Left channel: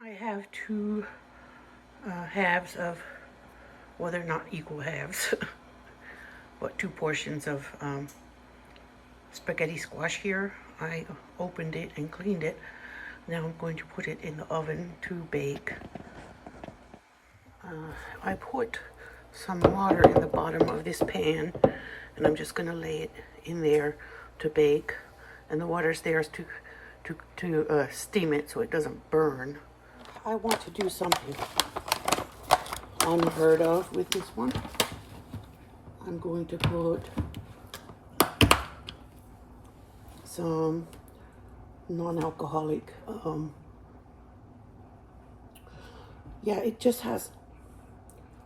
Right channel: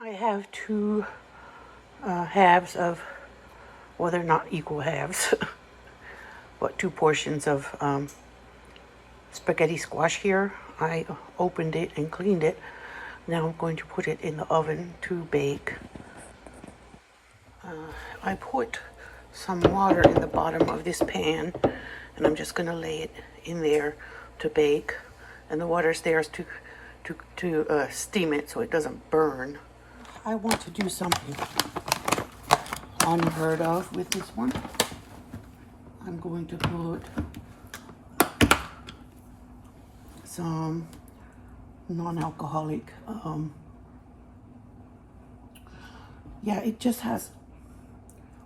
I have two halves of, well, they're not equal halves, but two portions of spaghetti squash here. I opened it and cleaned it. Now I'm going to put it in the oven to bake. I put some water in the bottom of this pan, and I'm just going to lay it in there to bake. And the water's there to steam it so it doesn't burn. I want to do something unheard of with this one. I'm going to put some non-alcoholic, yeah, it just has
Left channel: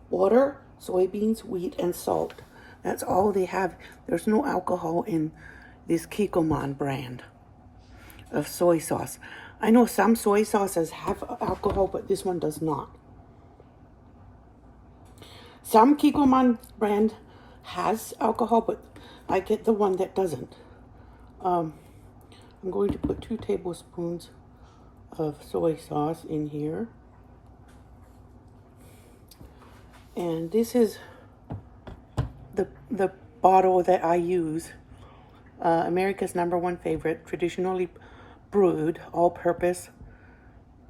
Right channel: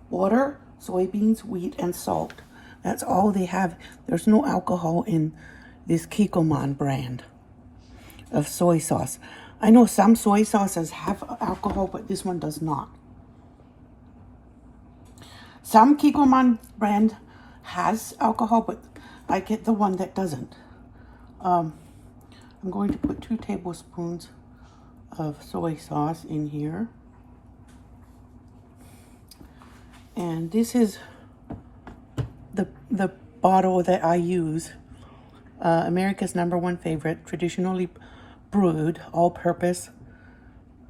water, soybeans, wheat, and salt. That's all they have. There's no alcohol in this Keto brand of soy sauce. I know some soy sauces have alcohol, but this one does not. Some Keto brand has alcohol, but I get the one that doesn't. I'm going to put 2 tablespoons of soy sauce in here. And this is the bottle that I use. America's #1 favorite, traditionally brewed, all-purpose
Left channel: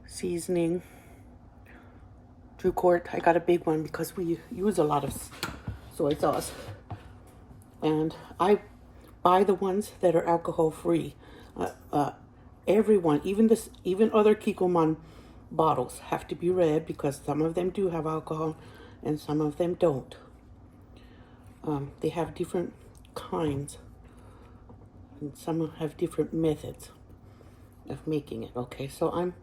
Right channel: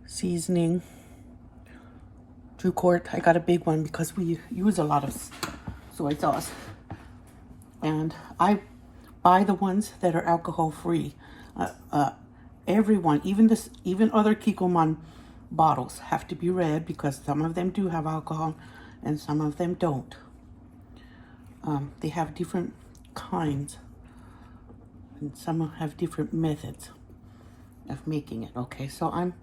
seasoning. 2 quart. I got a big one because we use a lot of soy sauce. And I buy the ones that are alcohol-free. Everyone, even other Keto bottles have to be read because some of them do have alcohol and some of them don't. They have different kinds, and some have different methods of making it. Okay, so I'm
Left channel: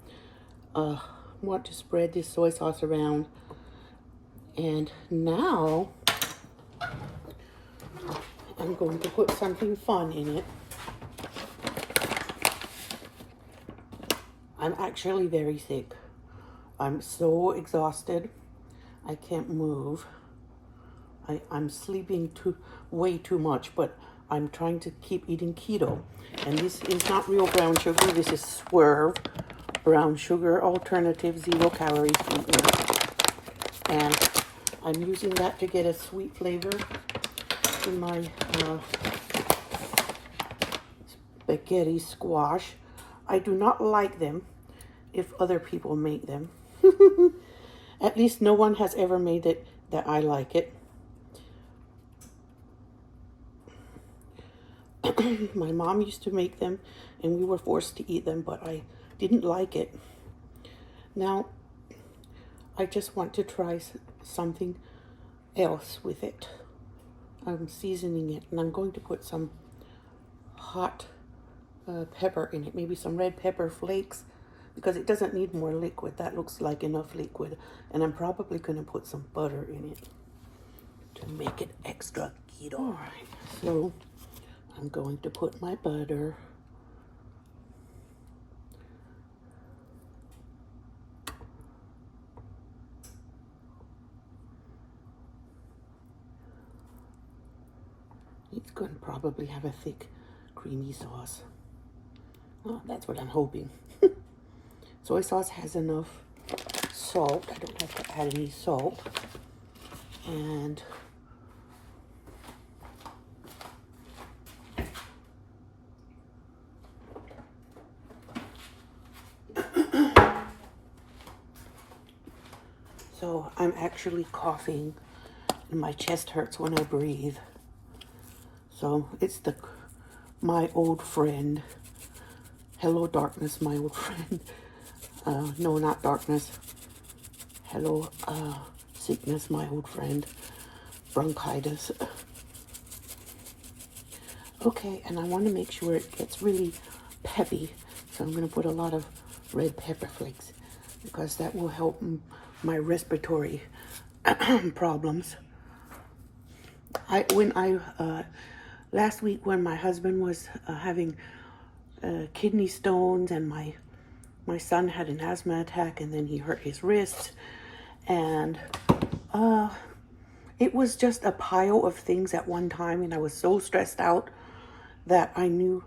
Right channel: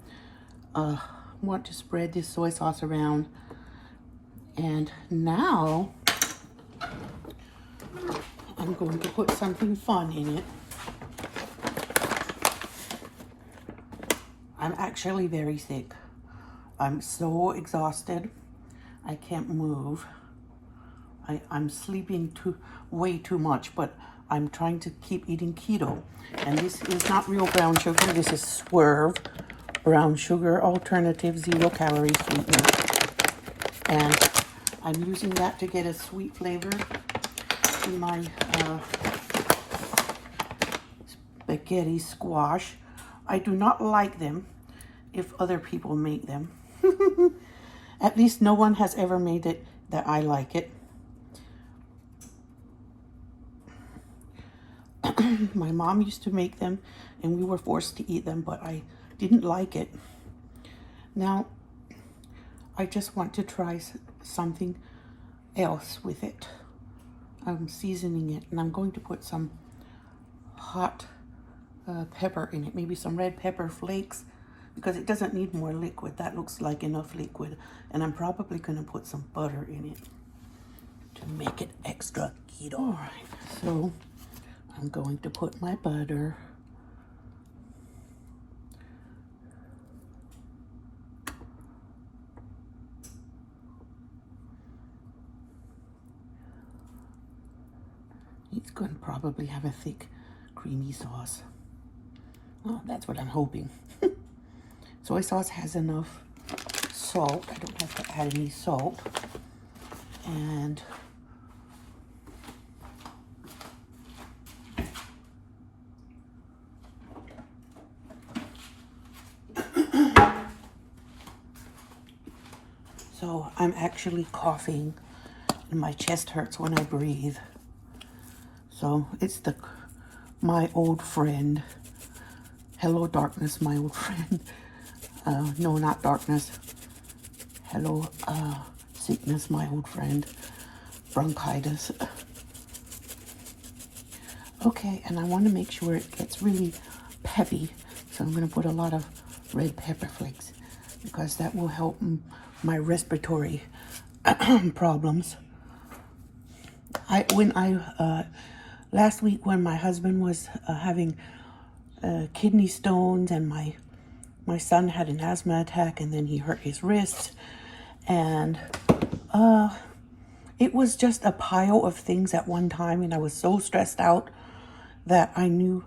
want to spread this soy sauce around, and now I'm going to put something fun in it. I'm actually very sick. I'm so exhausted. I can't move. I'm sleeping way too much, but I'm trying to keep eating keto. And this is not real brown sugar. This is Swerve brown sugar alternative 0 calorie sweetener. And I'm using that to get a sweet flavor in my spaghetti squash. I do not like them if other people make them. At least no one has ever made it that I like it. My mom used to make them and we were forced to eat them, but I didn't like it. Now, I just want to try something else with it. I'm seasoning it, and I'm going to put some hot pepper in it, maybe some red pepper flakes, because it doesn't need more liquid. That looks like enough liquid. And I'm probably going to put some butter in it to make it extra keto. All right, so I'm going to put my butter. It's going to probably have a thick, creamy sauce. Oh, that's what I'm hoping. Soy sauce has enough salt. I don't have to add any salt. And so I'm actually coughing and my chest hurts when I breathe. So it's my old friend. Hello, darkness, my old friend. No, not darkness. Hello, sickness, my old friend. Bronchitis. Okay, and I want to make sure it gets really peppy. So I'm going to put a lot of red pepper flakes because that will help my respiratory problems. Last week when my husband was having kidney stones, and my son had an asthma attack, and then he hurt his wrist, and it was just a pile of things at one time, and I was so stressed out that I knew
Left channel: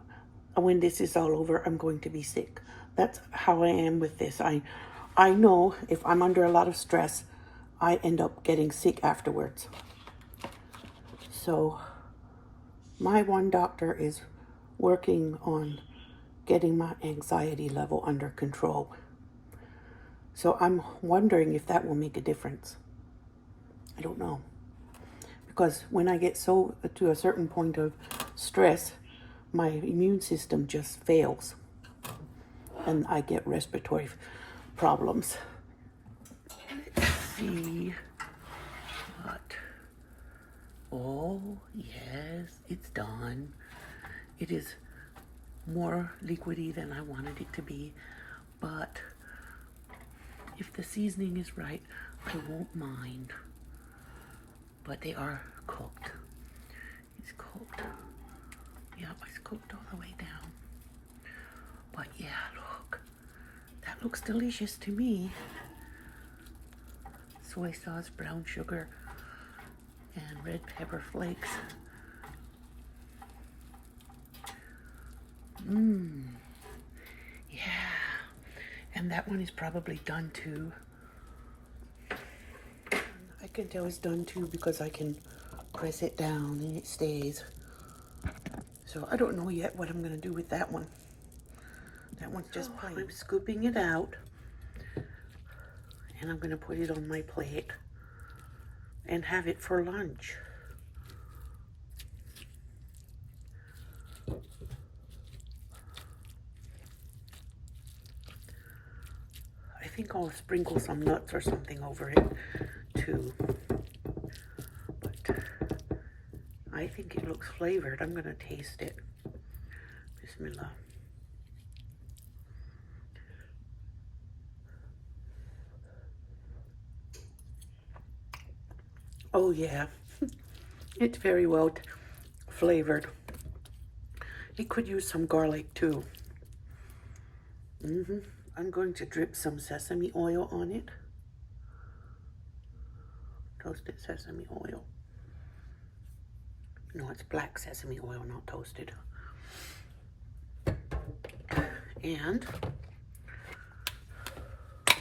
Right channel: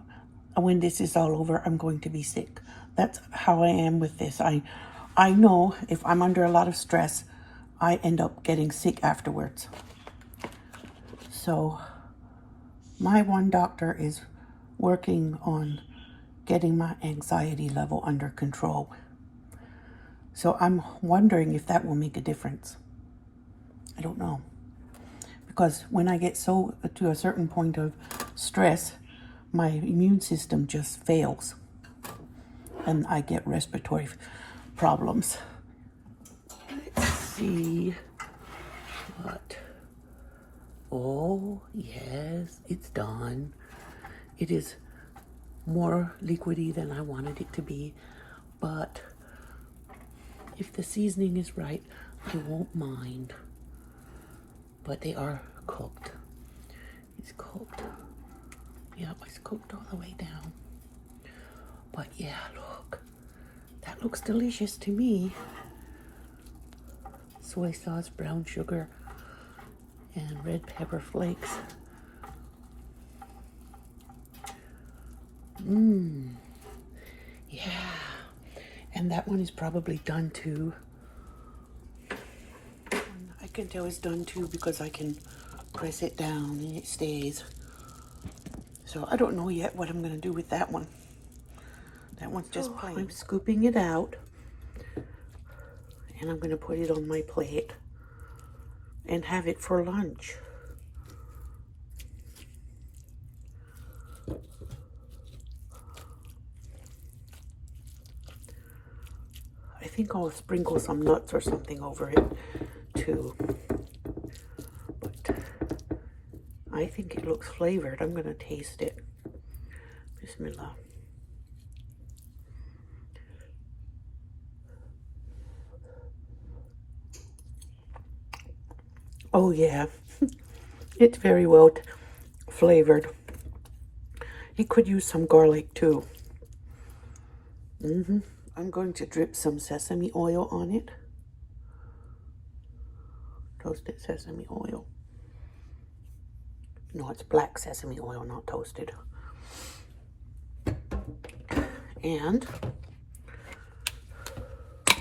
when this is all over, I'm going to be sick. That's how I am with this. I know if I'm under a lot of stress, I end up getting sick afterwards. So my one doctor is working on getting my anxiety level under control. So I'm wondering if that will make a difference. I don't know. Because when I get so to a certain point of stress, my immune system just fails. And I get respiratory problems. Let's see what. Oh, yes, it's done. It is more liquidy than I wanted it to be, but if the seasoning is right, I won't mind. But they are cooked. It's cooked. Yep, it's cooked all the way down. But yeah, look. That looks delicious to me. Soy sauce, brown sugar, and red pepper flakes. Mmm. Yeah. And that one is probably done too. I can tell it's done too because I can press it down and it stays. So I don't know yet what I'm going to do with that one. That one's just plain. I'm scooping it out and I'm going to put it on my plate and have it for lunch. I think I'll sprinkle some nuts or something over it too. But I think it looks flavored. I'm going to taste it. Bismillah. Oh yeah, it's very well flavored. You could use some garlic too. I'm going to drip some sesame oil on it. Toasted sesame oil. No, it's black sesame oil, not toasted. And I'm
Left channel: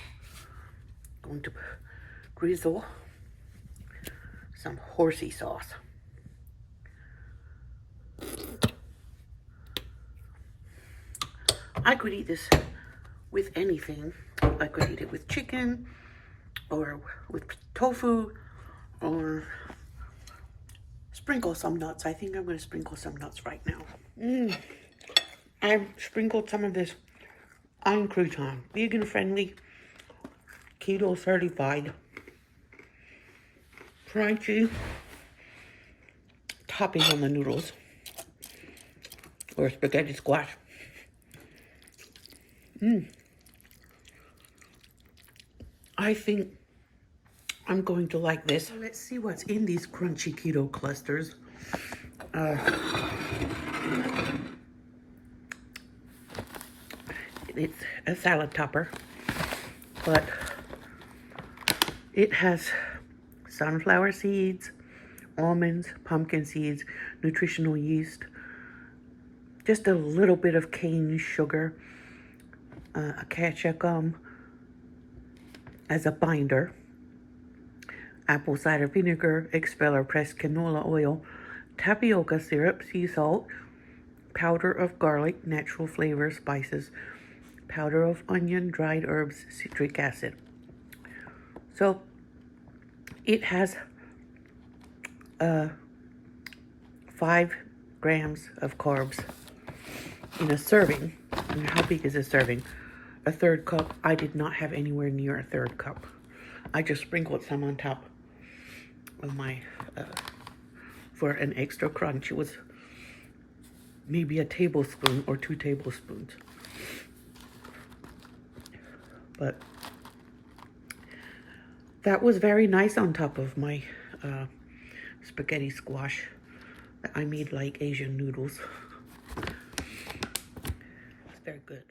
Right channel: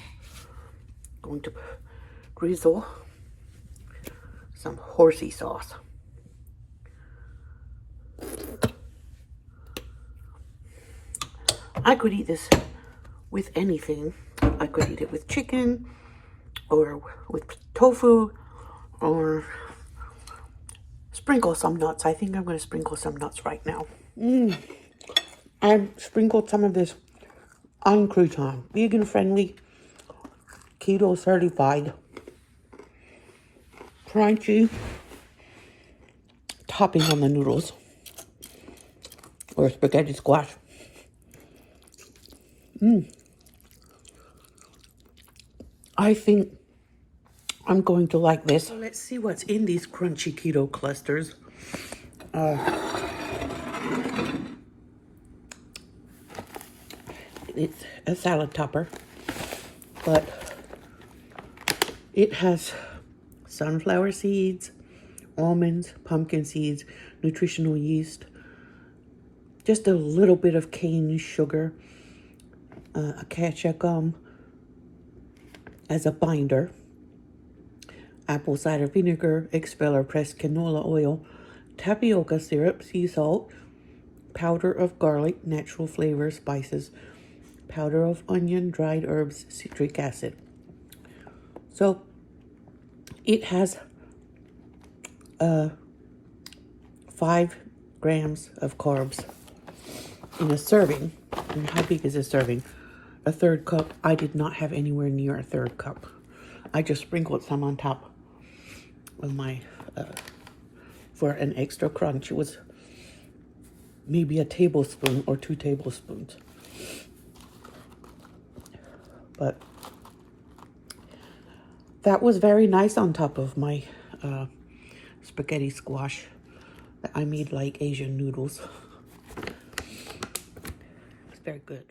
going to drizzle some horsey sauce. I could eat this with anything. I could eat it with chicken or with tofu or sprinkle some nuts. I think I'm going to sprinkle some nuts right now. I've sprinkled some of this on crouton. Vegan friendly, keto certified, crunchy topping on the noodles or spaghetti squash. I think I'm going to like this. So let's see what's in these crunchy keto clusters. It's a salad topper, but it has sunflower seeds, almonds, pumpkin seeds, nutritional yeast, just a little bit of cane sugar, acacia gum as a binder, apple cider vinegar, expeller, pressed canola oil, tapioca syrup, sea salt, powder of garlic, natural flavor, spices, powder of onion, dried herbs, citric acid. So it has 5 grams of carbs in a serving. And how big is a serving? A third cup. I did not have anywhere near a third cup. I just sprinkled some on top of my, for an extra crunch. It was maybe a tablespoon or 2 tablespoons. But that was very nice on top of my spaghetti squash that I made like Asian noodles. It's very good.